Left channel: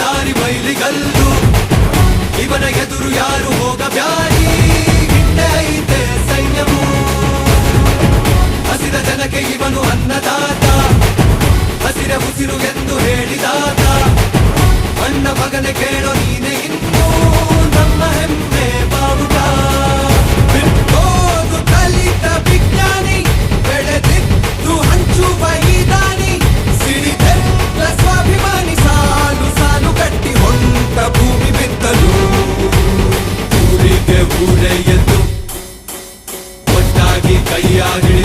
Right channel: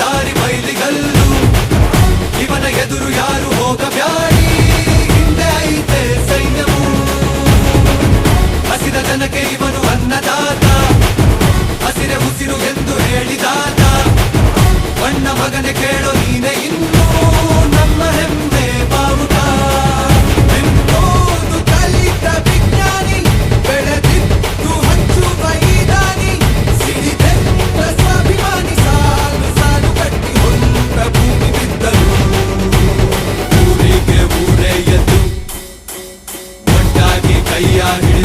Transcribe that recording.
ದಾರಿ ಮೈಲಿಗಲ್ಲು ಇವನ ಎದುರು ಯಾರು ಹೋಗಬ್ಯಾಡಿ ಹಿಂದೆ ಐತೆ ಸೈನ್ಯವು ಹಸಿದ ಜನಕ್ಕೆ ಇವನು ಅನ್ನದಾತ ಹಸಿರ ಉಸಿರು ಎಂದು ಹೇಳಿದಾತ ಬಣ್ಣ ಮಗನೆ ಕೇಳೋ ನೀನೆ ಇನ್ನು ನಮ್ಮ ಹೆಮ್ಮೆ ಬಾವುಟ ಓದು ಕಲಿತ ವಿಜ್ಞಾನಿ ಬೆಳೆದಿದ್ದು ಹಂಚುವ ಈ ದಾನಿ ಸಿಡಿದೆತ್ತ ಸ್ವಾಭಿಮಾನಿ ಸಾಲು ಸಾಲು ಕಟ್ಟಿ ಹೊಂಟ ಭೂಮಿ ಬಿದ್ದಲು ಊರಿಗೆ ಊರೇ ಎದ್ದು ಒಟ್ಟಾಗಿ ಕೈಯಾಗಿ